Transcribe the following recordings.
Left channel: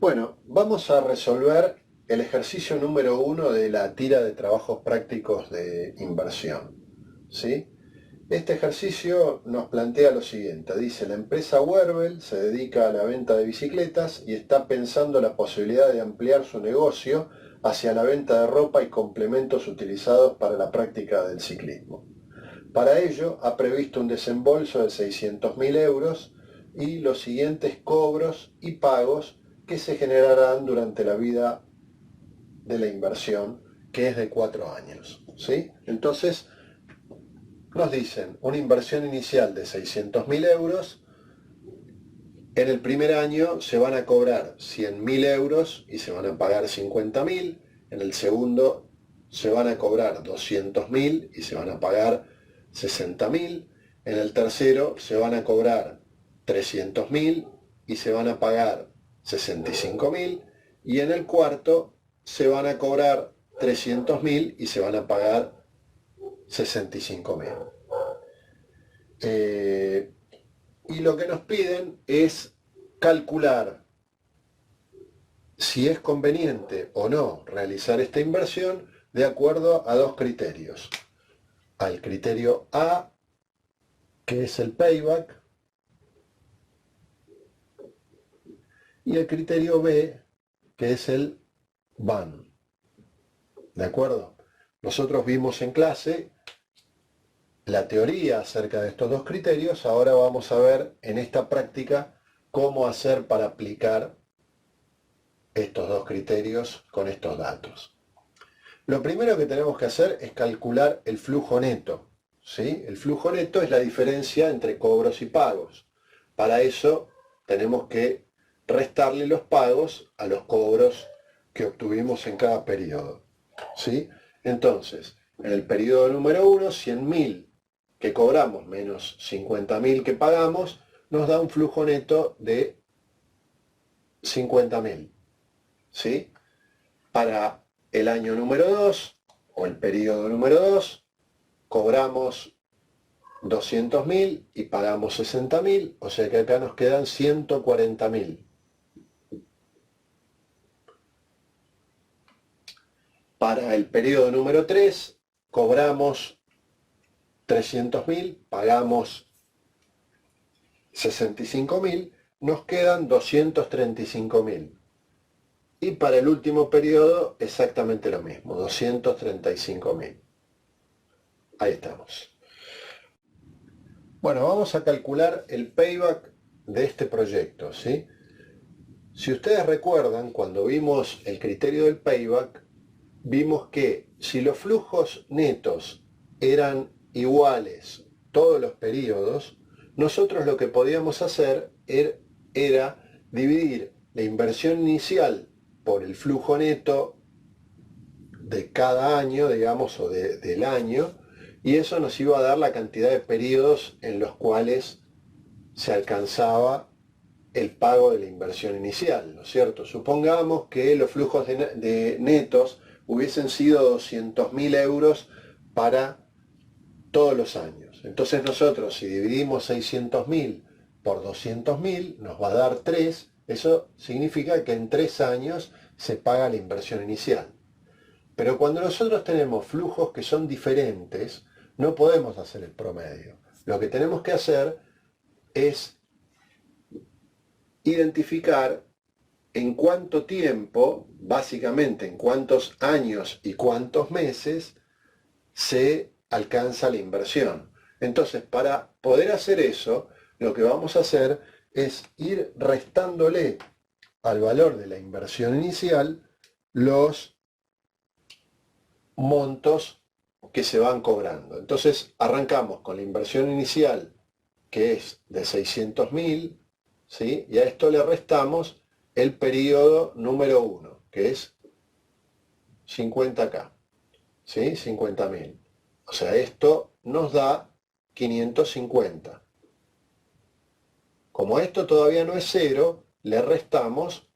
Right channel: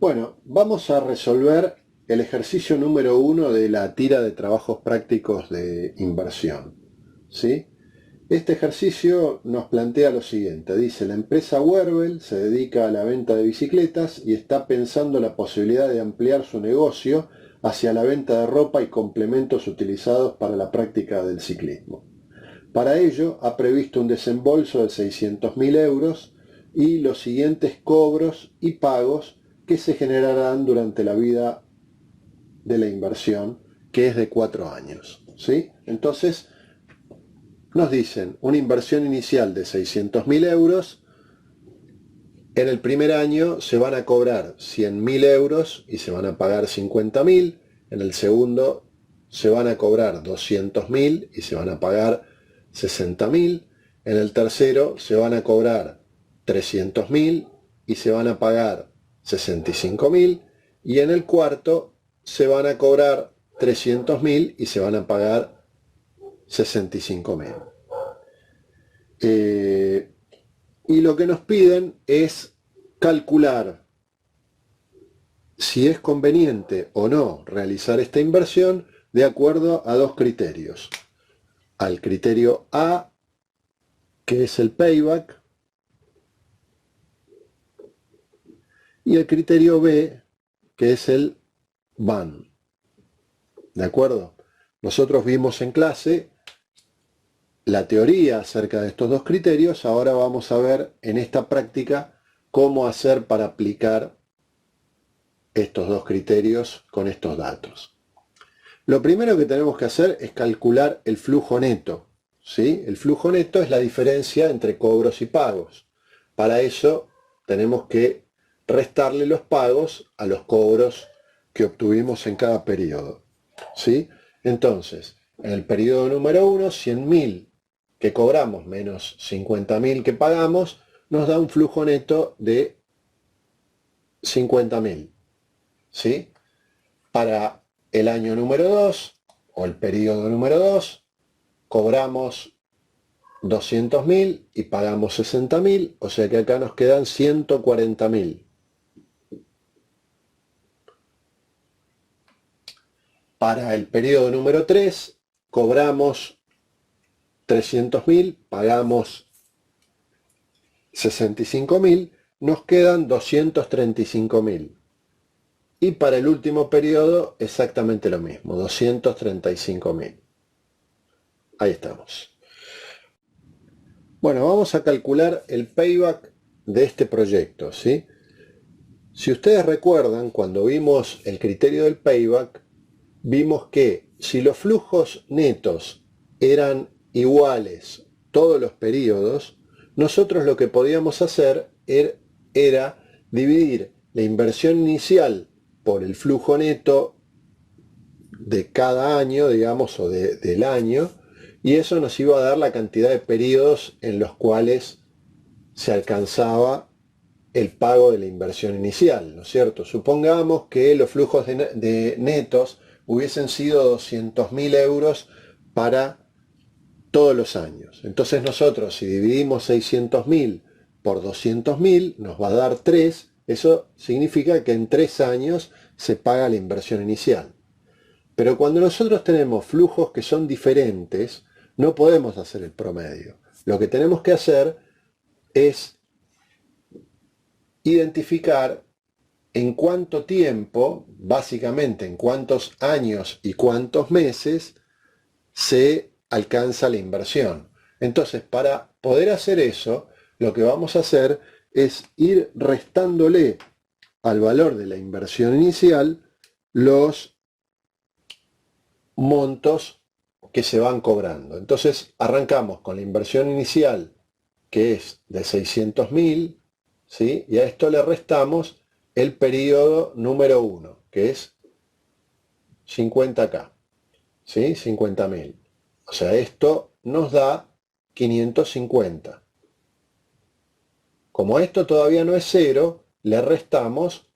Bueno, vamos a resolver el ejercicio número 1 de la tira de trabajos prácticos de inversión. ¿Sí? Este ejercicio nos plantea lo siguiente. Dice, la empresa Werbel se dedica a la venta de bicicletas y está pensando la posibilidad de ampliar su negocio hacia la venta de ropa y complementos utilizados para la práctica del ciclismo. Para ello, ha previsto un desembolso de 600.000 euros y los siguientes cobros y pagos que se generarán durante la vida de la inversión, que es de 4 años. ¿Sí? Entonces, nos dicen una inversión inicial de 600.000 euros. En el primer año se van a cobrar 100.000 euros y se van a pagar 50.000. En el segundo se van a cobrar 200.000 y se van a pagar 60.000. En el tercero se van a cobrar 300.000 y se van a pagar 65.000. Y en el cuarto se van a cobrar 300.000 y se van a pagar 65.000. Y lo que nos piden es calcular si es conveniente o no realizar esta inversión de acuerdo a dos criterios. Al criterio A, que es el payback, y el criterio B, que es el BAN. ¿De acuerdo? Nosotros vimos en clase la teoría acerca de estos dos criterios. Ahora vamos a ver en esta práctica cómo hacer para aplicar estos dos criterios con estos datos. Lo primero que tenemos que hacer es calcular el flujo neto. ¿Sí? El flujo neto es la diferencia entre cobros y pagos. Para eso tenemos que restarle los pagos a los cobros que obtuvimos en cada periodo. ¿Sí? Entonces, en el periodo número 1, 100.000 que cobramos menos 50.000 que pagamos, nos da un flujo neto de 50.000. ¿Sí? Para el año número 2 o el periodo número 2 cobramos 200.000 y pagamos 60.000, o sea que acá nos quedan 140.000. Para el periodo número 3 cobramos 300.000, pagamos 65.000, nos quedan 235.000. Y para el último periodo exactamente lo mismo, 235.000. Ahí estamos. Bueno, vamos a calcular el payback de este proyecto, ¿sí? Si ustedes recuerdan, cuando vimos el criterio del payback, vimos que si los flujos netos eran iguales todos los periodos, nosotros lo que podíamos hacer era dividir la inversión inicial por el flujo neto de cada año, digamos, o del año, y eso nos iba a dar la cantidad de periodos en los cuales se alcanzaba el pago de la inversión inicial, ¿no es cierto? Supongamos que los flujos de netos hubiesen sido 200.000 euros para todos los años. Entonces nosotros, si dividimos 600.000 por 200.000, nos va a dar 3. Eso significa que en 3 años se paga la inversión inicial. Pero cuando nosotros tenemos flujos que son diferentes, no podemos hacer el promedio. Lo que tenemos que hacer es identificar en cuánto tiempo, básicamente en cuántos años y cuántos meses, se alcanza la inversión. Entonces, para poder hacer eso, lo que vamos a hacer es ir restándole al valor de la inversión inicial los montos que se van cobrando. Entonces, arrancamos con la inversión inicial, que es de 600.000, ¿sí? Y a esto le restamos el periodo número 1, que es 50K, ¿sí? 50.000. O sea, esto nos da 550. Como esto todavía no es cero, le restamos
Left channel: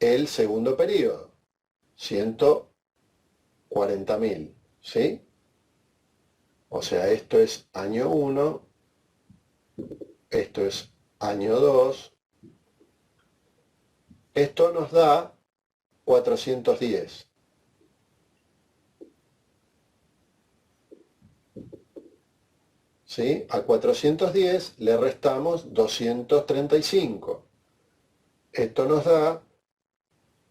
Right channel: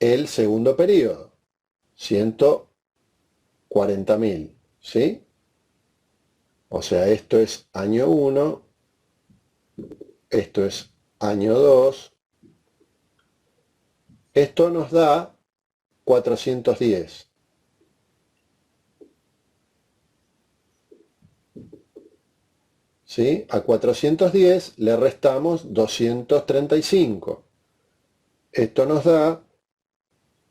el segundo periodo, 140.000, ¿sí? O sea, esto es año 1, esto es año 2, Esto nos da 410. ¿Sí? A 410 le restamos 235. Esto nos da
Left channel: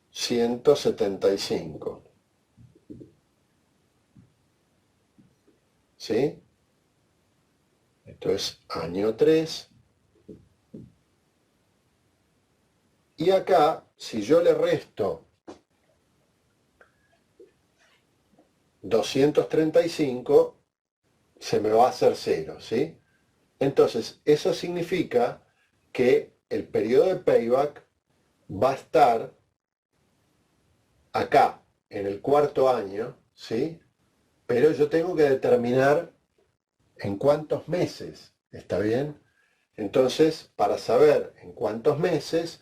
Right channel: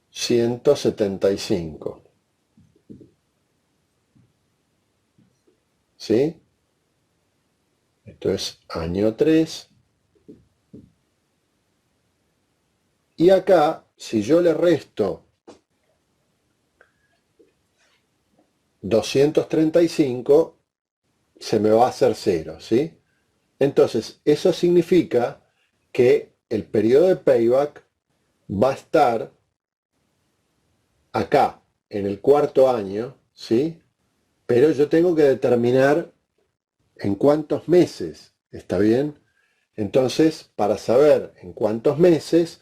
175. ¿Sí? Esto es año 3. Y acá, si yo le resto 235, se me va a hacer 0, ¿sí? Entonces, eso significa que el periodo de payback va a estar acá, en el cuarto año, ¿sí? Pero yo tengo que determinar en cuántos meses, ¿está bien? Entonces, para saber en cuántos meses,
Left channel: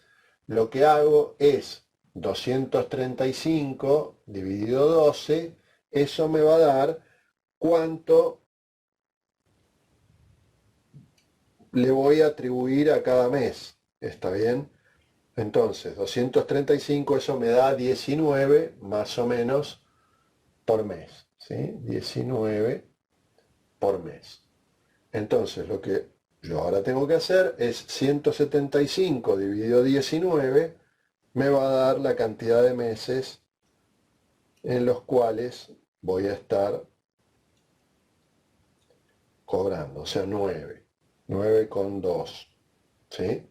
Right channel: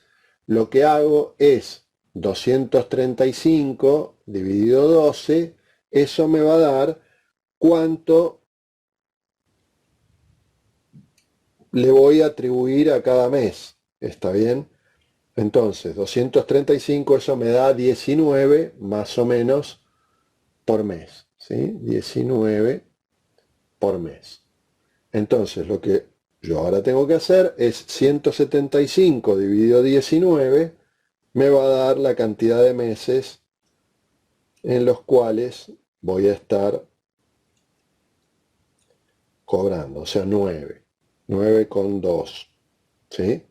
lo que hago es 235 dividido 12, eso me va a dar cuánto le voy a atribuir a cada mes, ¿está bien? Entonces, 235, eso me da 19 más o menos por mes, ¿sí? 19 por mes. Entonces, lo que yo ahora tengo que hacer es 175 dividido 19, me va a dar la cantidad de meses en los cuales voy a estar cobrando, o sea, 9,2, ¿sí?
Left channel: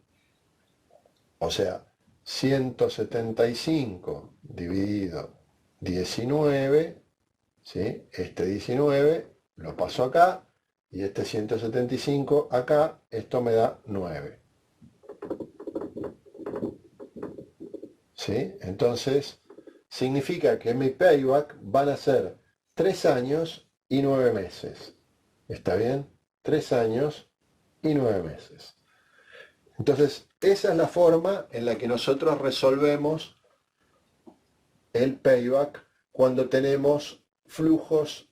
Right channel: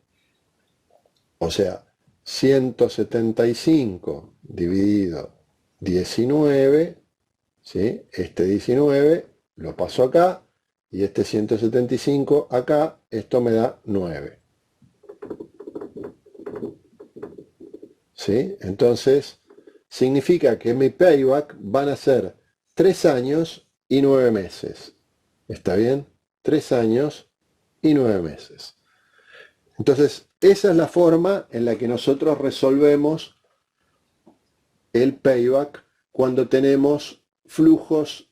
O sea, 175 dividido 19, ¿sí? Este 19 lo paso acá y este 175 acá, esto me da 9. ¿Sí? Entonces, significa que mi payback van a ser 3 años y 9 meses. ¿Está bien? 3 años y 9 meses. Entonces, esa es la forma en la que nosotros resolvemos el payback cuando tenemos flujos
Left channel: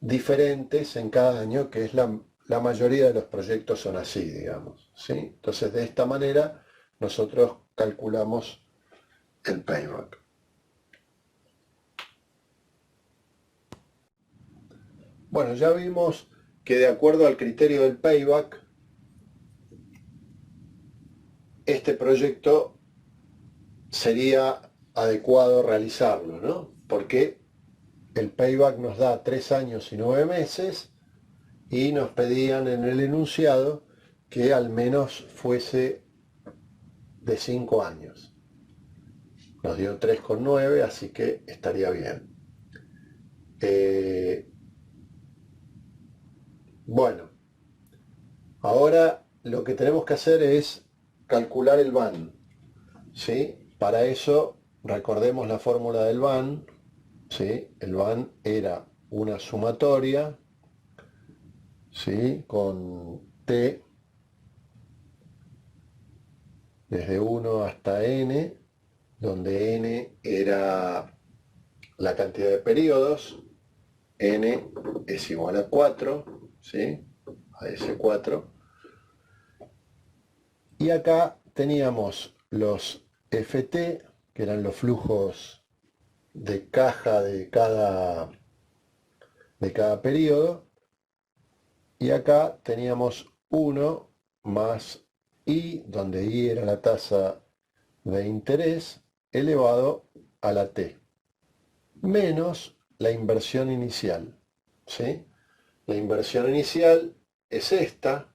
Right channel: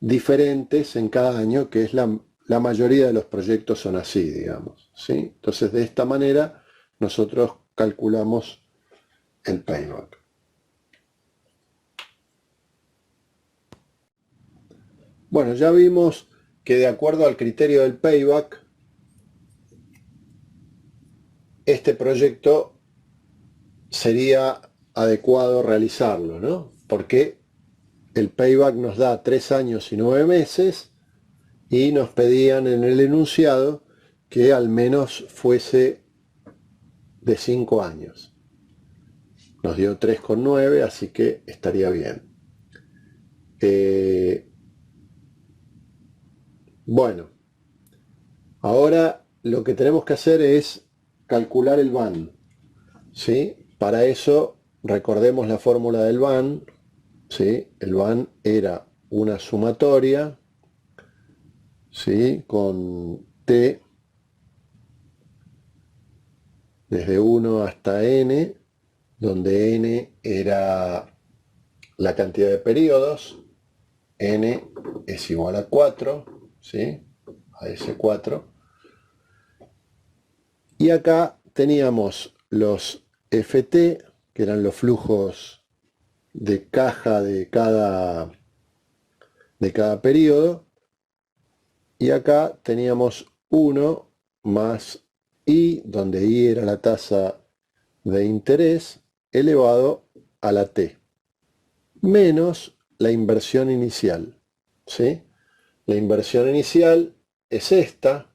diferentes en cada año, que es la mayoría de los proyectos son así, digamos, ¿sí? Entonces, de esta manera nosotros calculamos el payback. Bueno, ya vimos que de acuerdo al criterio del payback, este proyecto sería adecuado realizarlo, ¿no? Porque el payback nos da 3 años y 9 meses y nos pedían en el enunciado que al menos fuese de 5 años. Nos dio 3,9, así que estaría bien. Bueno, ahora lo que tenemos que hacer es calcular el VAN, ¿sí? Para eso recordemos la fórmula del VAN, ¿sí? El VAN era una sumatoria, ¿sí? Con T desde 1 hasta N, donde N era la cantidad de periodos, N es igual a 4, ¿sí? A ese 4. Y acá teníamos los FT, que eran los flujos de caja de cada periodo, y acá teníamos 1 más I, donde I era la tasa de interés, elevado a la T, menos la inversión inicial, ¿sí? La inversión inicial es esta,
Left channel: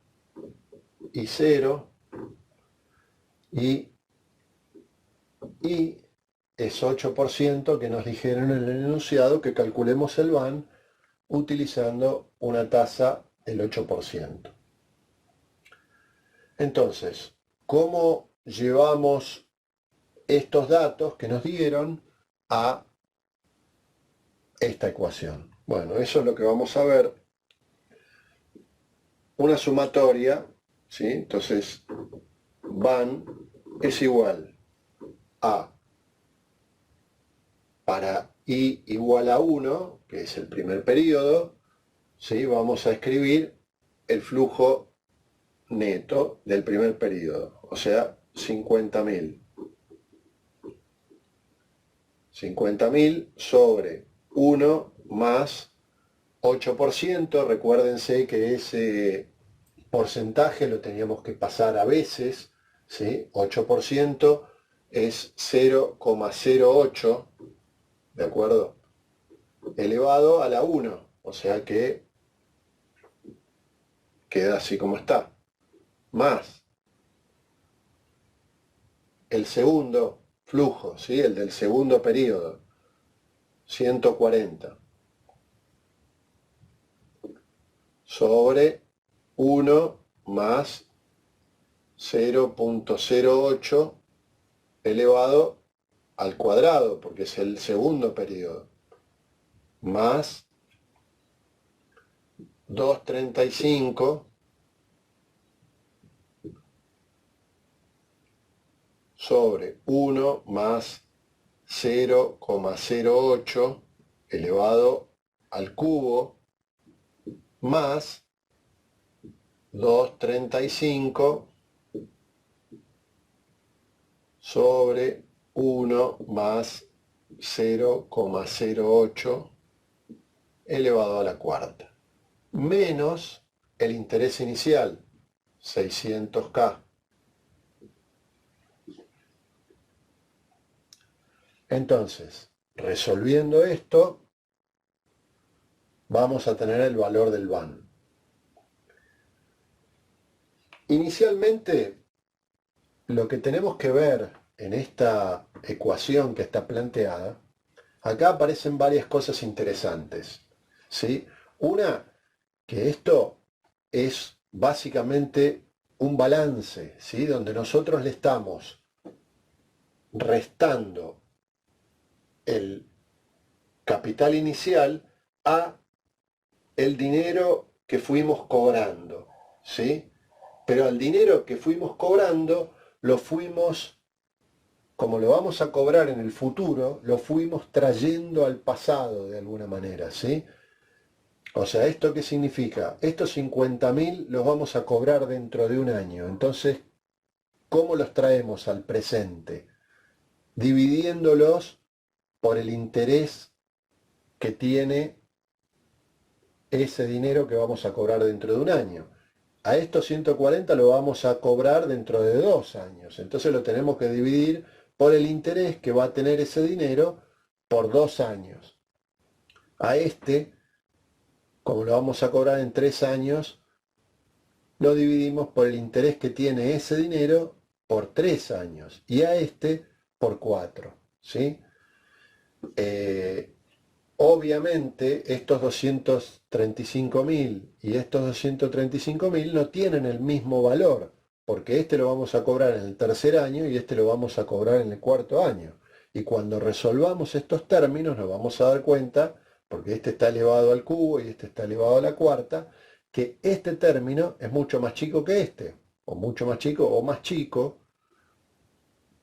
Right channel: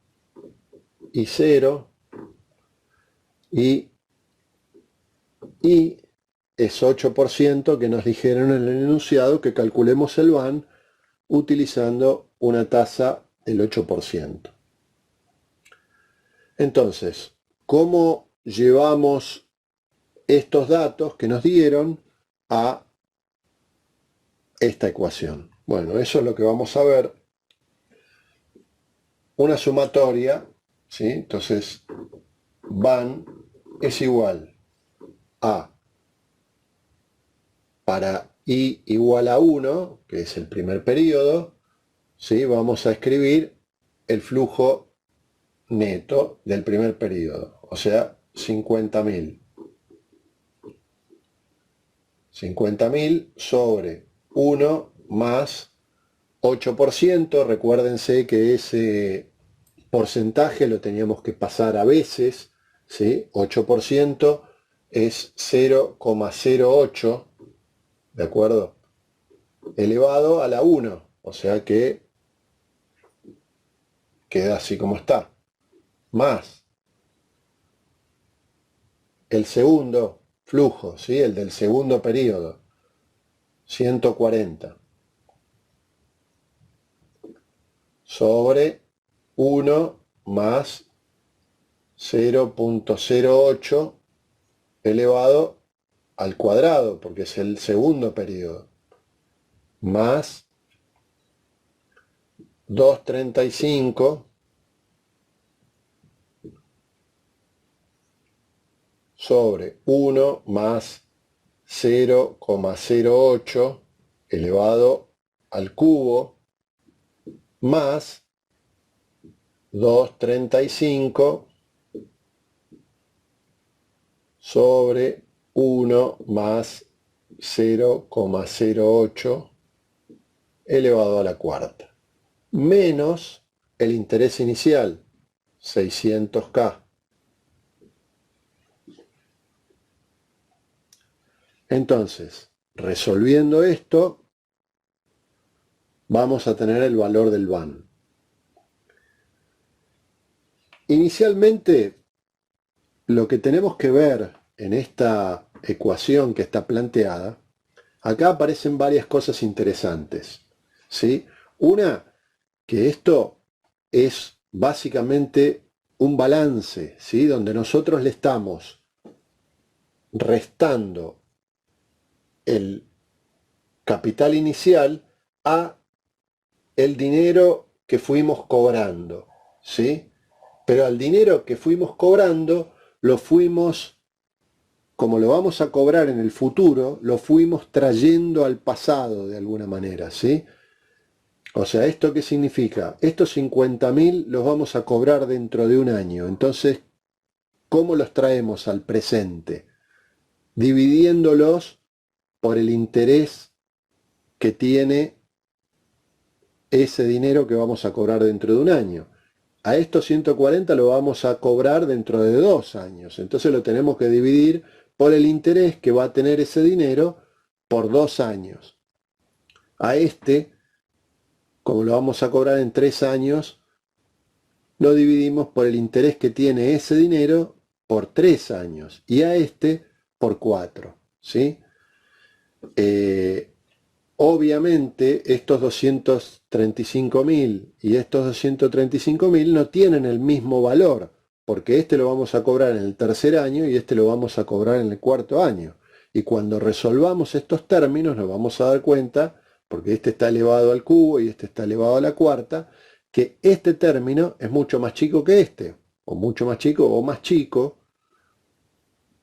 y 0, y es 8% que nos dijeron en el enunciado que calculemos el VAN utilizando una tasa del 8%. Entonces, ¿cómo llevamos estos datos que nos dieron a esta ecuación? Bueno, eso es lo que vamos a ver. Una sumatoria, ¿sí? Entonces, VAN es igual a, para I igual a 1, que es el primer periodo, ¿sí? Vamos a escribir el flujo neto del primer periodo, o sea, 50.000. 50.000 sobre 1 más 8%. Recuérdense que ese porcentaje lo teníamos que pasar a veces, ¿sí? 8% es 0,08, ¿de acuerdo? Elevado a la 1, o sea que queda así como está. Más el segundo flujo, ¿sí? El del segundo periodo, 140 sobre 1 más 0,08 elevado al cuadrado, porque es el segundo periodo, más 235 sobre 1 más 0,08 elevado al cubo, más 235 sobre 1 más 0,08 elevado a la cuarta, menos el interés inicial, 600K. Entonces, resolviendo esto, vamos a tener el valor del BAN. Inicialmente, lo que tenemos que ver en esta ecuación que está planteada, acá aparecen varias cosas interesantes, ¿sí? Una, que esto es básicamente un balance, ¿sí? Donde nosotros le estamos restando el capital inicial a el dinero que fuimos cobrando, ¿sí? Pero al dinero que fuimos cobrando, lo fuimos, como lo vamos a cobrar en el futuro, lo fuimos trayendo al pasado de alguna manera, ¿sí? O sea, ¿esto qué significa? Estos 50.000 los vamos a cobrar dentro de un año. Entonces, ¿cómo los traemos al presente? Dividiéndolos por el interés que tiene ese dinero que vamos a cobrar dentro de un año. A estos 140 lo vamos a cobrar dentro de 2 años. Entonces lo tenemos que dividir por el interés que va a tener ese dinero por 2 años. A este, como lo vamos a cobrar en 3 años, lo dividimos por el interés que tiene ese dinero por 3 años. Y a este por 4. ¿Sí? Obviamente estos 235.000 y estos 235.000 no tienen el mismo valor, porque este lo vamos a cobrar en el tercer año y este lo vamos a cobrar en el cuarto año. Y cuando resolvamos estos términos nos vamos a dar cuenta, porque este está elevado al cubo y este está elevado a la cuarta, que este término es mucho más chico que este, o mucho más chico o más chico,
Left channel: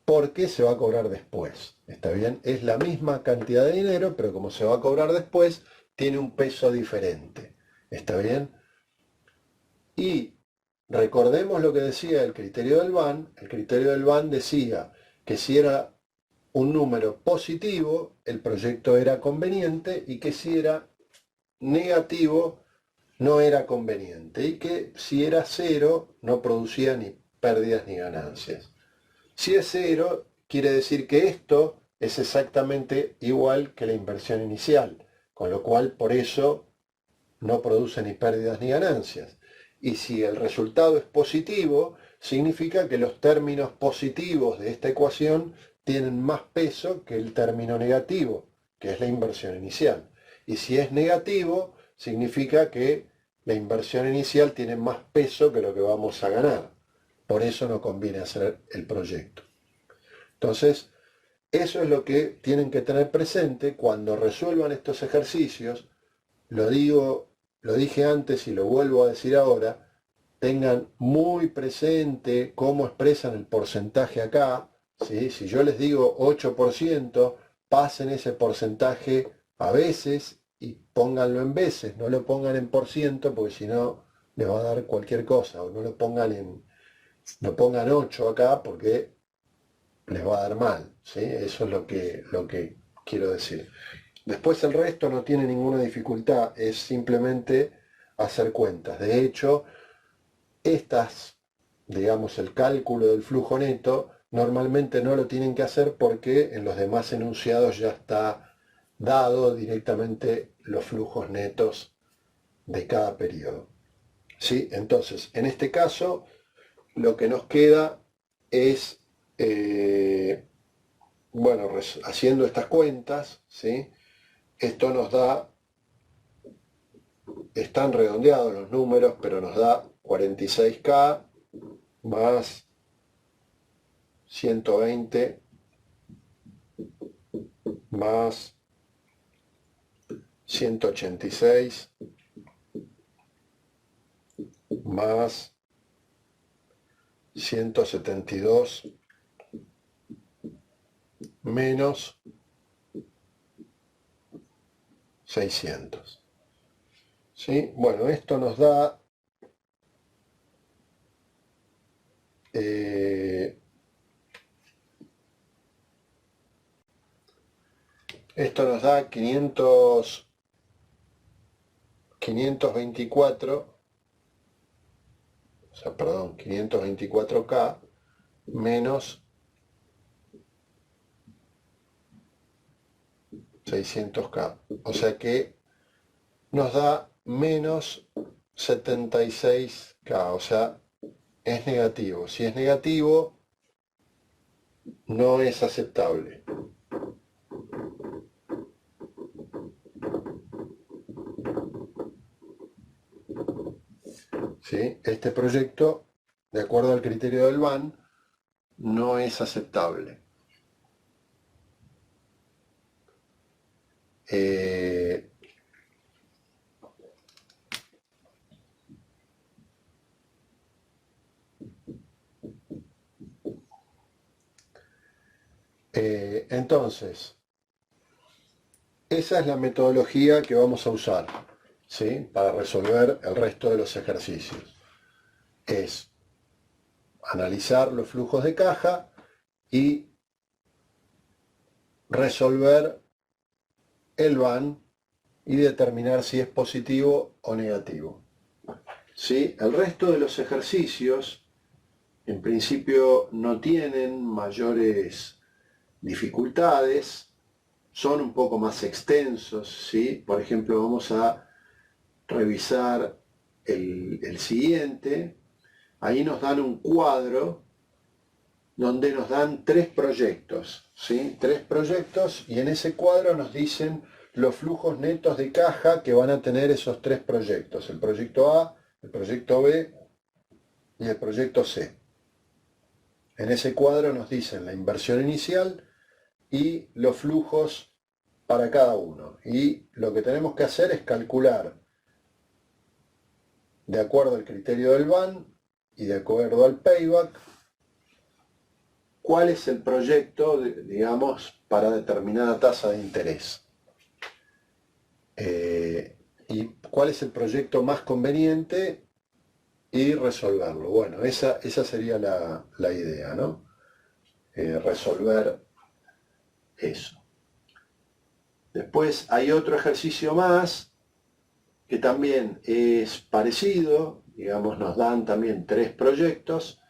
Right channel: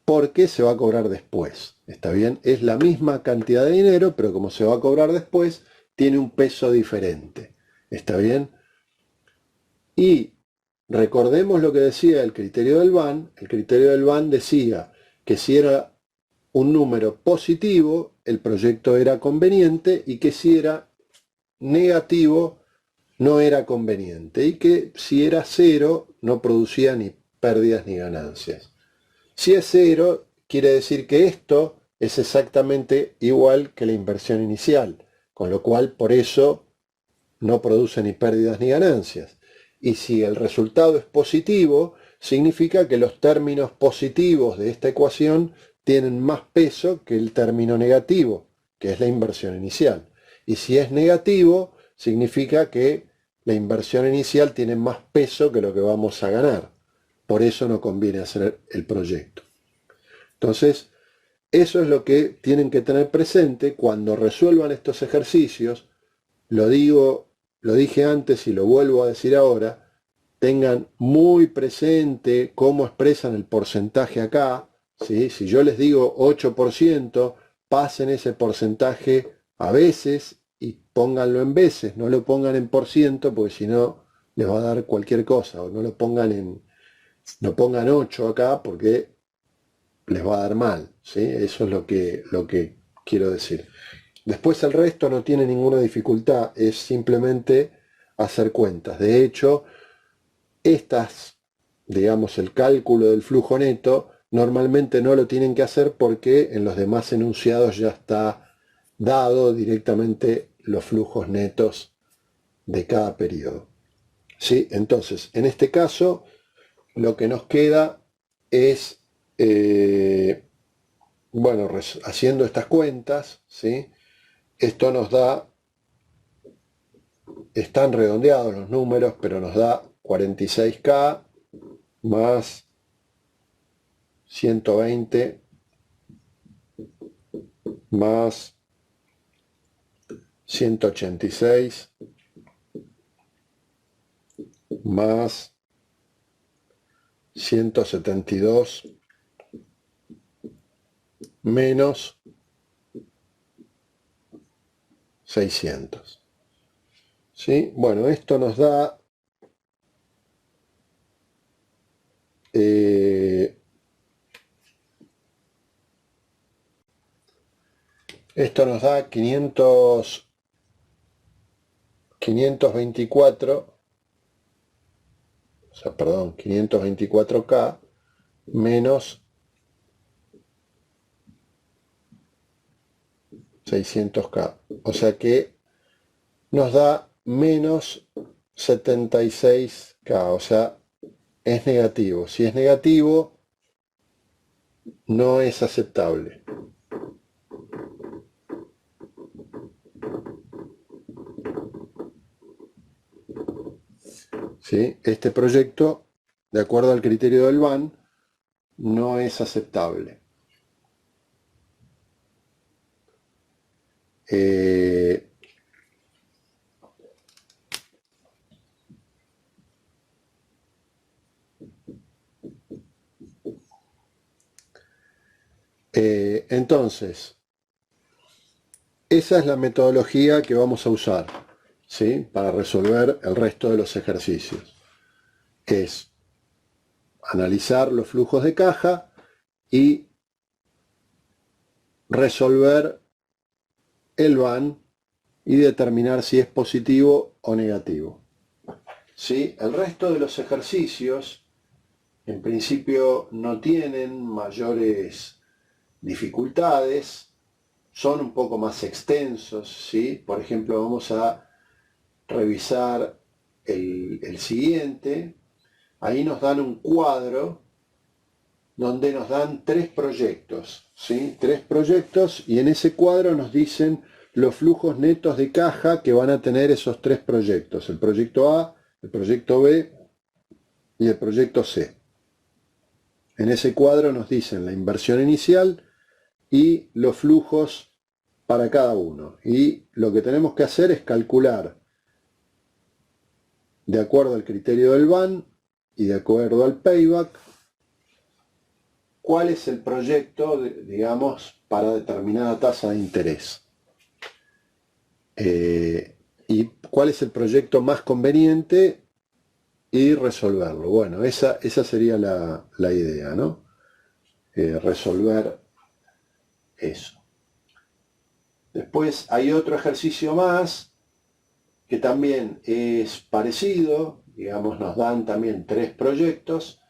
porque se va a cobrar después. ¿Está bien? Es la misma cantidad de dinero, pero como se va a cobrar después, tiene un peso diferente. ¿Está bien? Y recordemos lo que decía el criterio del BAN. El criterio del BAN decía que si era un número positivo, el proyecto era conveniente, y que si era negativo, no era conveniente, y que si era cero, no producía ni pérdidas ni ganancias. Si es cero, quiere decir que esto es exactamente igual que la inversión inicial, con lo cual por eso no produce ni pérdidas ni ganancias. Y si el resultado es positivo, significa que los términos positivos de esta ecuación tienen más peso que el término negativo, que es la inversión inicial. Y si es negativo, significa que la inversión inicial tiene más peso que lo que vamos a ganar. Por eso no conviene hacer el proyecto. Entonces, eso es lo que tienen que tener presente cuando resuelvan estos ejercicios. Lo dije antes y lo vuelvo a decir ahora. Tengan muy presente cómo expresan el porcentaje acá, ¿sí? Si yo les digo 8%, pasen ese porcentaje a veces y pónganlo en veces, no lo pongan en por ciento, porque si no les va a dar cualquier cosa, o no lo pongan No pongan 8 acá porque les va a dar mal, ¿sí? Eso es lo que quiero decir. Después el resto no tiene ninguna dificultad, es simplemente hacer cuentas. De hecho, estas, digamos, el cálculo del flujo neto, normalmente no lo tienen que hacer porque en los demás enunciados ya está dado directamente los flujos netos de cada periodo. ¿Sí? Entonces, en este caso, lo que nos queda es, bueno, haciendo estas cuentas, ¿sí? Esto nos da, están redondeados los números, pero nos da 46K más 120 más 186 más 172 menos 600. ¿Sí? Bueno, esto nos da esto nos da 524, o sea, perdón, 524K menos 600K. O sea que nos da menos 76K, o sea, es negativo. Si es negativo, no es aceptable. ¿Sí? Este proyecto, de acuerdo al criterio del BAN, no es aceptable. Entonces, esa es la metodología que vamos a usar, ¿sí? Para resolver el resto de los ejercicios. Es analizar los flujos de caja y resolver el BAN y determinar si es positivo o negativo. ¿Sí? El resto de los ejercicios en principio no tienen mayores dificultades, son un poco más extensos, ¿sí? Por ejemplo, vamos a revisar el siguiente. Ahí nos dan un cuadro donde nos dan 3 proyectos, ¿sí? 3 proyectos, y en ese cuadro nos dicen los flujos netos de caja que van a tener esos 3 proyectos, el proyecto A, el proyecto B y el proyecto C. En ese cuadro nos dicen la inversión inicial y los flujos para cada uno. Y lo que tenemos que hacer es calcular, de acuerdo al criterio del BAN y de acuerdo al payback, cuál es el proyecto, digamos, para determinada tasa de interés. Y cuál es el proyecto más conveniente y resolverlo. Bueno, esa sería la idea, ¿no? Resolver eso. Después hay otro ejercicio más que también es parecido, digamos, nos dan también 3 proyectos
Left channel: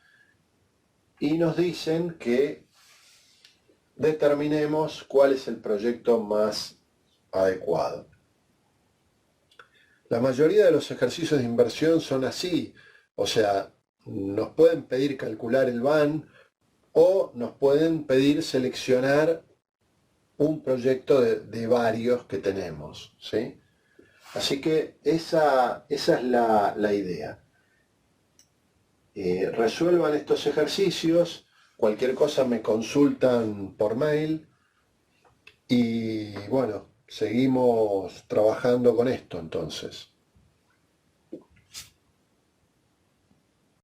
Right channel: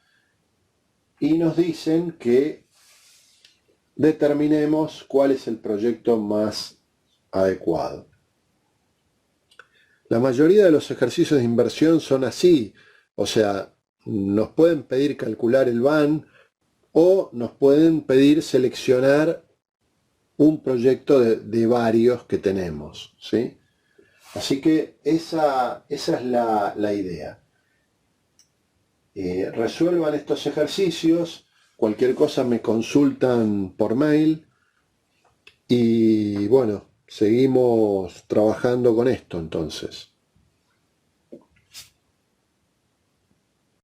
y nos dicen que determinemos cuál es el proyecto más adecuado. La mayoría de los ejercicios de inversión son así, o sea, nos pueden pedir calcular el BAN o nos pueden pedir seleccionar un proyecto de varios que tenemos, ¿sí? Así que esa es la idea. Resuelvan estos ejercicios, cualquier cosa me consultan por mail y bueno, seguimos trabajando con esto entonces.